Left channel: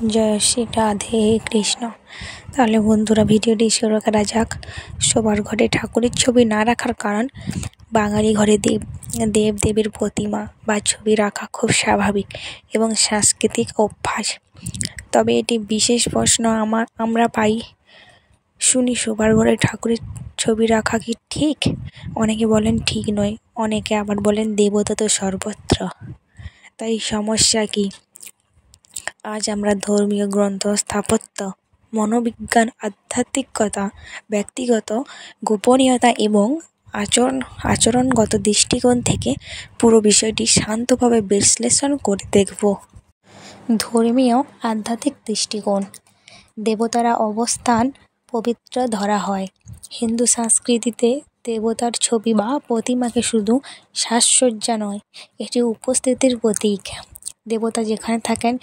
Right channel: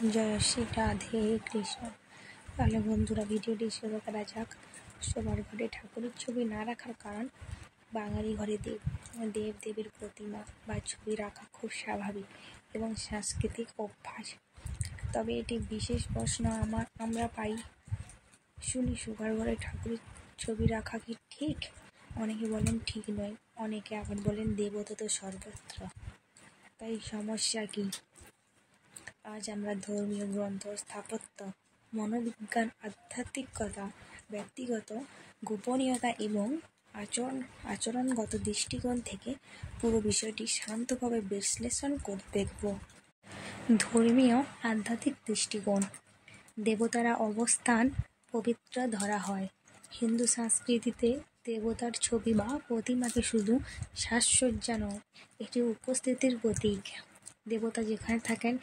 জয় শ্রী রাধে কৃষ্ণ। তাহলে বন্ধুরা, ভিডিওটি শুরু করা যাক। সবার ঘরে ঠাকুরের ছবি না রাখার কারণ, বাঙালি ঘরে দেবদেবীর প্রতিমা বা ছবি রাখা খুব স্বাভাবিক এবং সাংস্কৃতিক অভ্যাস। তবে এটি বিশেষ প্রশ্ন আমরা পাই শুনি, সবার ঘরে ঠাকুরের ছবি রাখা কি ঠিক? অনেকে বলেন ঠিক নয়, অনেকে আবার বলেন দেবতা তো সর্বত্র, তাই সমস্যা কি? আজ আমরা ধর্মীয় গ্রন্থ, স্থাপত্য, মনোবিজ্ঞান, আধ্যাত্মিকতা, ব্যক্তিগত গোপনীয়তা এবং আচরণগত দৃষ্টিকোণ থেকে পুরো বিষয়টি শান্তভাবে বিশ্লেষণ করে দেখব। ধর্মীয় আধ্যাত্মিক দৃষ্টিকোণ। দেবতারা অবস্থান পবিত্র ধরা হয়। হিন্দু সংস্কৃতিতে দেবতার ছবি বা প্রতিমাকে শুধু সাজসজ্জা নয়, এটি উপস্থিতির প্রতীক। দেবতা যেখানে থাকেন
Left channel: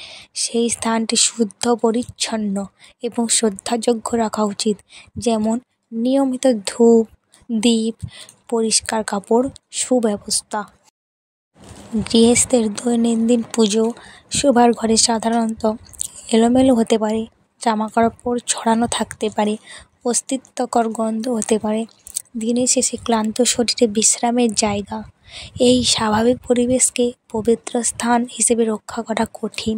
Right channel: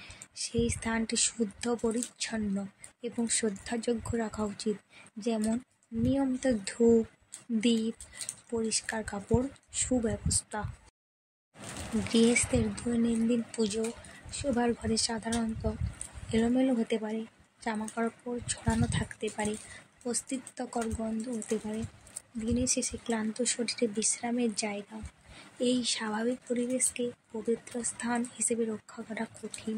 সেই স্থানটি শুদ্ধ, পরিচ্ছন্ন এবং শ্রদ্ধাযোগ্য রাখা উচিত। যেমন নিয়মিত ধূপ, দীপ, পরিষ্কার কাপড়, সুব্যবস্থা। গৃহস্থের দৈনন্দিন পুজো। সবার ঘরে সাধারণত এলোমেলো হতে পারে, জামাকাপড় ছড়ানো থাকতে পারে, অস্তিত্বকর গন্ধ হতে পারে। দিনের শেষে ক্লান্ত শরীরে বিশ্রামের জায়গা। এই স্বাভাবিক পরিবেশকে পবিত্র স্থান হিসেবে রক্ষা করা কঠিন,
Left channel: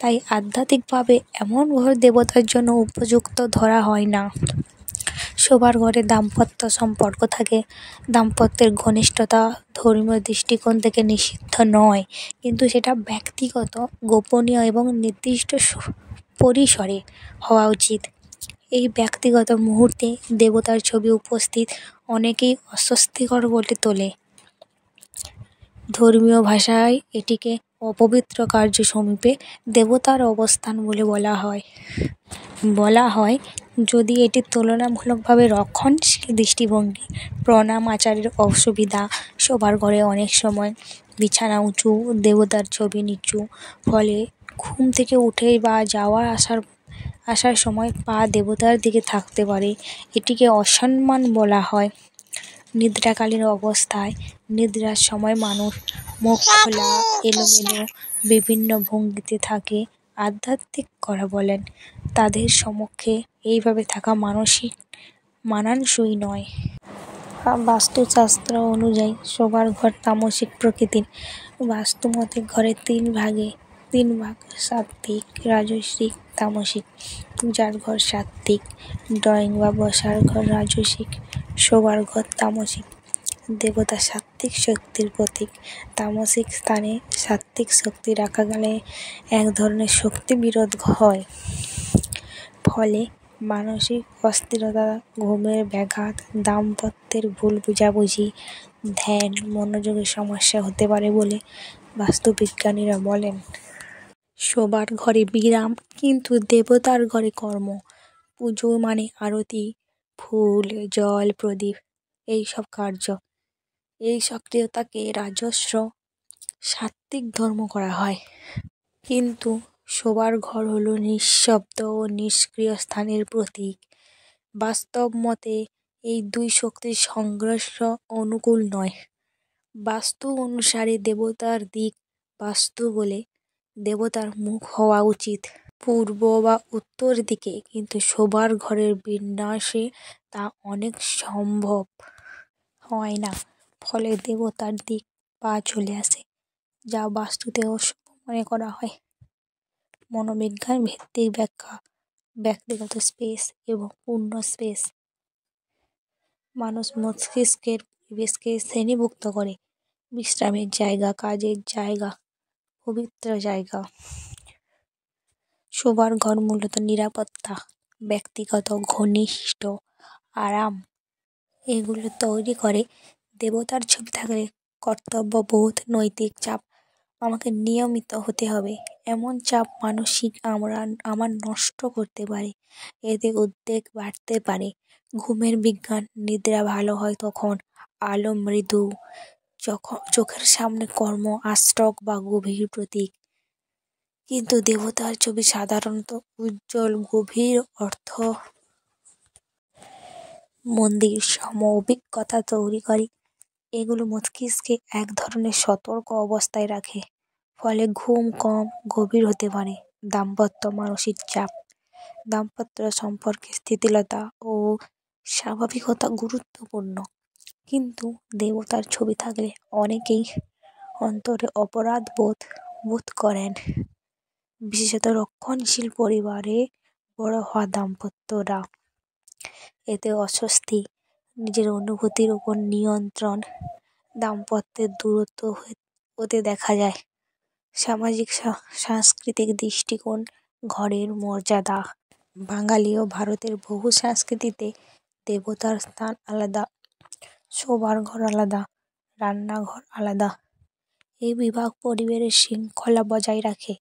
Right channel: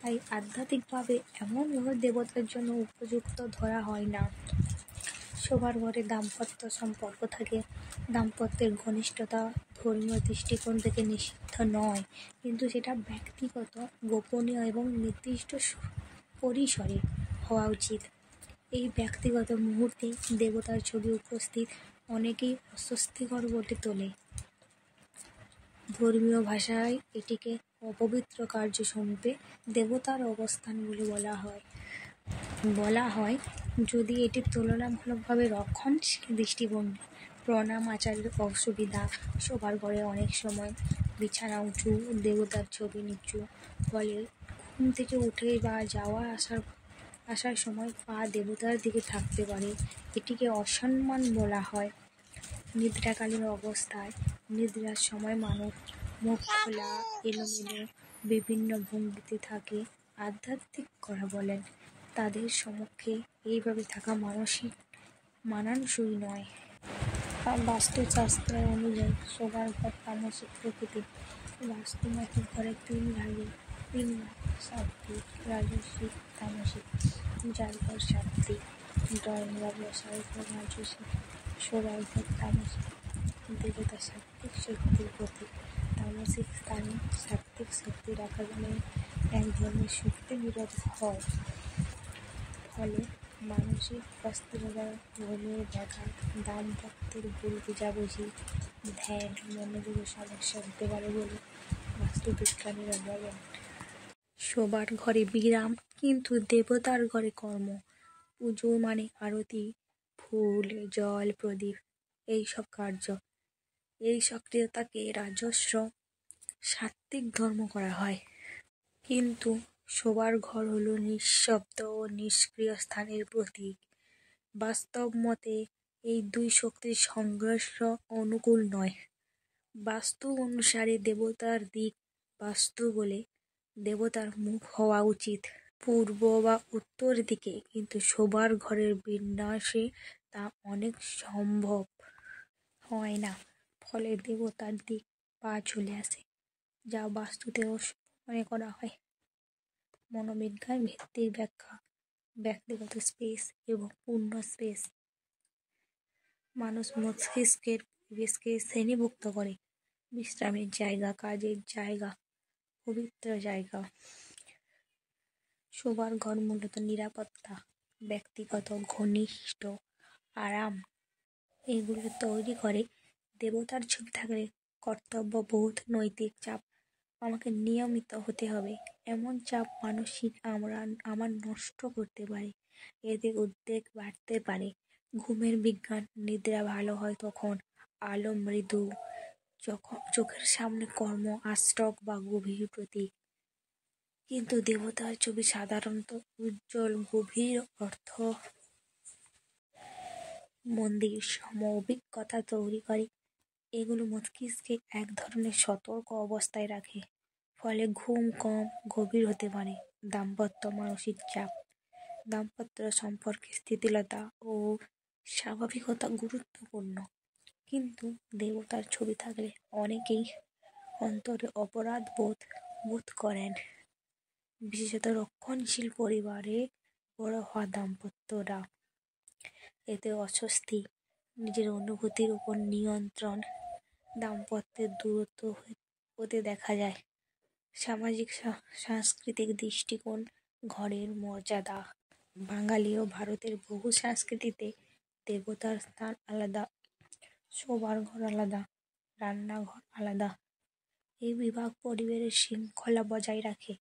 তাই আধ্যাত্মিকভাবে এমন ঘর দেবতার জন্য উপযুক্ত ধরা হয় না। সবার ঘরে দাম্পত্য সম্পর্ক থাকে। দাম্পত্যের ঘনিষ্ঠতা ধর্মীয় দৃষ্টিকোণ থেকে নিষিদ্ধ নয়, কিন্তু সেটা ব্যক্তিগত, গোপনীয় এবং নির্দিষ্ট পরিসরে হওয়া উচিত। এই ব্যক্তিগত মুহূর্তে দেবতার ছবি উপস্থিত অনেকেই অস্বস্তিকর বলে তোলে। ধর্মীয় ভাষায় এটিকে অপবিত্র কার্য সমীপে দেবতার অবস্থান বলে বলা হয় যদি এটি তুলনামূলকভাবে রক্ষণশীল দৃষ্টিভঙ্গি। প্রণাম আচারের অসুবিধা। সবার ঘরে অনেক সময় বিছানা উঁচু, দেবতার ছবি নিচু, ফলে ঘুম থেকে উঠে বা আসার সময় পা দেবতার দিকে থাকতে পারে, এটিকে অসম্মান বলা হয়। নিদ্রাকালীন অবস্থায়। নিদ্রার সময় মানুষ মুখ খোলা, এলোমেলো, বিভিন্ন ভঙ্গিতে থাকে। আধ্যাত্মিকরা বলেন, তাদের সমক্ষে এইভাবে থাকা মানানসই নয়। বাস্তুশাস্ত্র অনুযায়ী সবার ঘর তামসিক প্রকৃতির। বাস্তুমতে ঘরের তিন ভাগ: সাত্ত্বিক, রাজসিক, তামসিক। পূজার ঘর সাত্ত্বিক, ড্রয়িং বা বসার ঘর রাজসিক, শোবার ঘর তামসিক। দেবতা সাত্ত্বিক শক্তির প্রতীক। তামসিক স্থানে সাত্ত্বিক শক্তি রাখা গেলে এক ধরনের শক্তি বিরোধ হয়, ফলে মানসিক অস্থিরতা, ঘুমের ব্যাঘাত, দাম্পত্যের ভুল বোঝাবুঝি, ধ্যান, মনোযোগের সমস্যা হতে পারে বলে বাস্তুবিজ্ঞানীরা বলেন। শোবার ঘরে বিরাম, কিন্তু দেবতার ঘরে কর্ম। পুজো মানে আরতি, ফুল, জল, প্রদীপ, এইসব কার্য। এই সক্রিয়তাকে রাজস্ব সাত্ত্বিক ধর্ম করা হয়। কিন্তু শোবার ঘর হলো নিঃশব্দ ও নিষ্ক্রিয় স্থানের প্রতীক। বাস্তব মতে এই দুই শক্তির সংঘর্ষ অনুকূল নয়। বাস্তু অনুসারে দেবতার দিক বাস্তু বলে দেবতার মুখ হওয়া উচিত পূর্ব বা উত্তর দিকে, কিন্তু শোবার ঘরের বিন্যাসে তা অনেক সম্ভব হয় না, ফলে দেবতার দিক পা চলে আসে, যা বাস্তুতে অশুভ মনে করা হয়। মনোবিজ্ঞান ভিত্তিক ব্যাখ্যা। ব্যক্তিগত স্পেস এবং পূর্ণ স্পেস। মানুষ মস্তিষ্কের পরিবেশকে শ্রেণীভুক্ত করে: বিশ্রামের জায়গা, কাজের জায়গা, পবিত্র জায়গা। শোবার ঘর মূলত নিরাপত্তা, ব্যক্তিগত, ঘনিষ্ঠ, আরাম এগুলো তৈরি করে। দেবতার ছবি থাকলে কর্তব্যবোধ, নৈতিক চাপ, আমাকে নিয়মিত হতে হবে, এমন চাপ মানসিক আমার নষ্ট করতে পারে। এতে উদ্বেগ বাড়তে পারে। ঘুমের বিজ্ঞান। নিদ্রা ভালো হয় তখন আলো মৃদু, চোখের সামনে কর্ম, আষ্টক বা গভীর প্রতীক। কিন্তু দেবতার ছবি সাধারণত উজ্জ্বল, গভীর অর্থ। মন্দির সম অভিজ্ঞতা তৈরি করে। এগুলো মস্তিষ্কে এক ধরনের সতর্ক অবস্থায় রাখে, ফলে ঘুম কম গভীর হতে পারে। দাম্পত্য মানসিক চাপ, দাম্পত্য সম্পর্কে স্থিতিশীলতা ও স্বাভাবিকতা গুরুত্বপূর্ণ, কিন্তু দেবতার ছবি থাকলে অনেকেই অন্তরে অপরাধ বোধ করেন। বিশেষত রক্ষণশীল পরিবারে বড় হওয়া দাম্পত্যরা এতে অস্বস্তি, নিজের অনুভূতির উপর নিয়ন্ত্রণ, দাম্পত্যের দূরত্ব হতে দেখা যায়। সামাজিক সাংস্কৃতিক দৃষ্টিকোণ, ঘরের মর্যাদা, বাঙালি ও ভারতের বহু সংস্কৃতিতে দেবতার স্থান আলাদা, শোবার ঘর আলাদা, রান্নাঘর আলাদা। এই বিভাগ পরিবারের শৃঙ্খলা বজায় রাখে।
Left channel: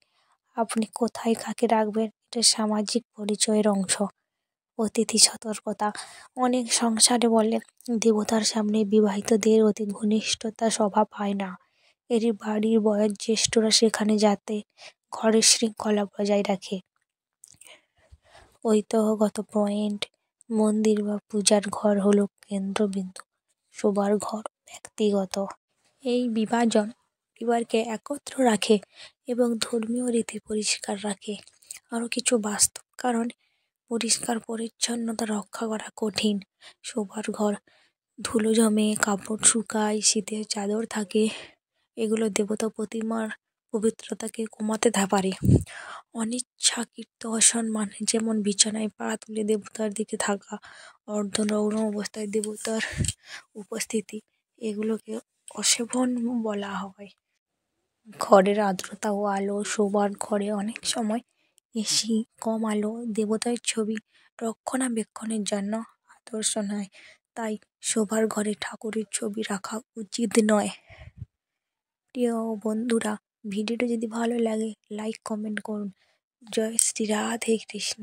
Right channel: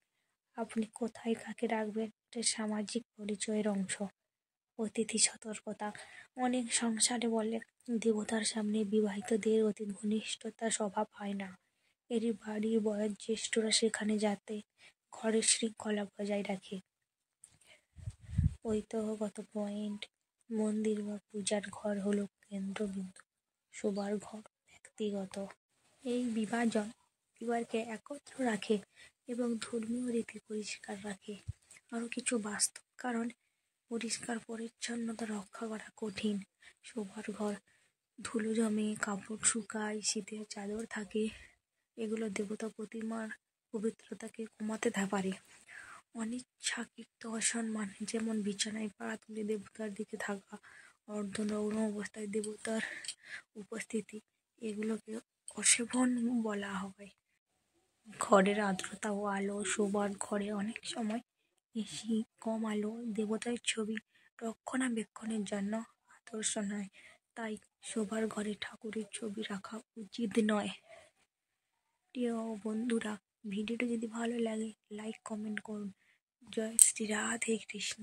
আপনি কোথায় কাকে রাখবেন এটা সামাজিক পরিচয়ের অংশ। অতিথি সতর্কতা, অনেক সংসারে বলে দেবতার সামনে বিবাহিতদের অতি ঘনিষ্ঠতা শোভা পায় না। এর বাড়ির বয়োজ্যেষ্ঠরা সেখানে যাতে ঘরের শৃঙ্খলা বজায় রাখে। ঐতিহ্যগত পয়েন্ট, মন্দির বা পূজার ঘর হলো কেন্দ্রবিন্দু, শোবার ঘর ব্যক্তিগত। এই বিভাজন পরিবারকে একত্র রাখে এবং ধর্মীয় রীতি পরিষ্কার রাখে। আরও কিছু বাস্তব কারণ, পরিষ্কার পরিচ্ছন্নতা রক্ষা করা কঠিন। শোবার ঘর ধুলো জমে, কাপড় শুকায়, শীতের চাদর থাকে, এগুলো দেবতা প্রতিমার পবিত্রতাকে কমাতে পারে। অনিচ্ছাকৃত অসম্মান, যেমন বিছানায় পা তুলে দেবতার দিকে থাকা, অর্ধনগ্ন অবস্থায় দেবতার উপস্থিতি, এগুলোকে অশোভন বলা হয়। ঘরের আর্দ্রতা ও আলো, শোবার ঘরে অনেক সময় এসি, কম আলো দেবতার ছবি রক্ষণাবেক্ষণের জন্য আদর্শ নয়, তাই শোবার ঘরে ঠাকুরের ছবি রাখা উচিত নয়। প্রিয় বন্ধুরা, ভিডিওটা যদি ভালো লাগে লাইক কমেন্ট করুন। জয় শ্রী রাধে কৃষ্ণ।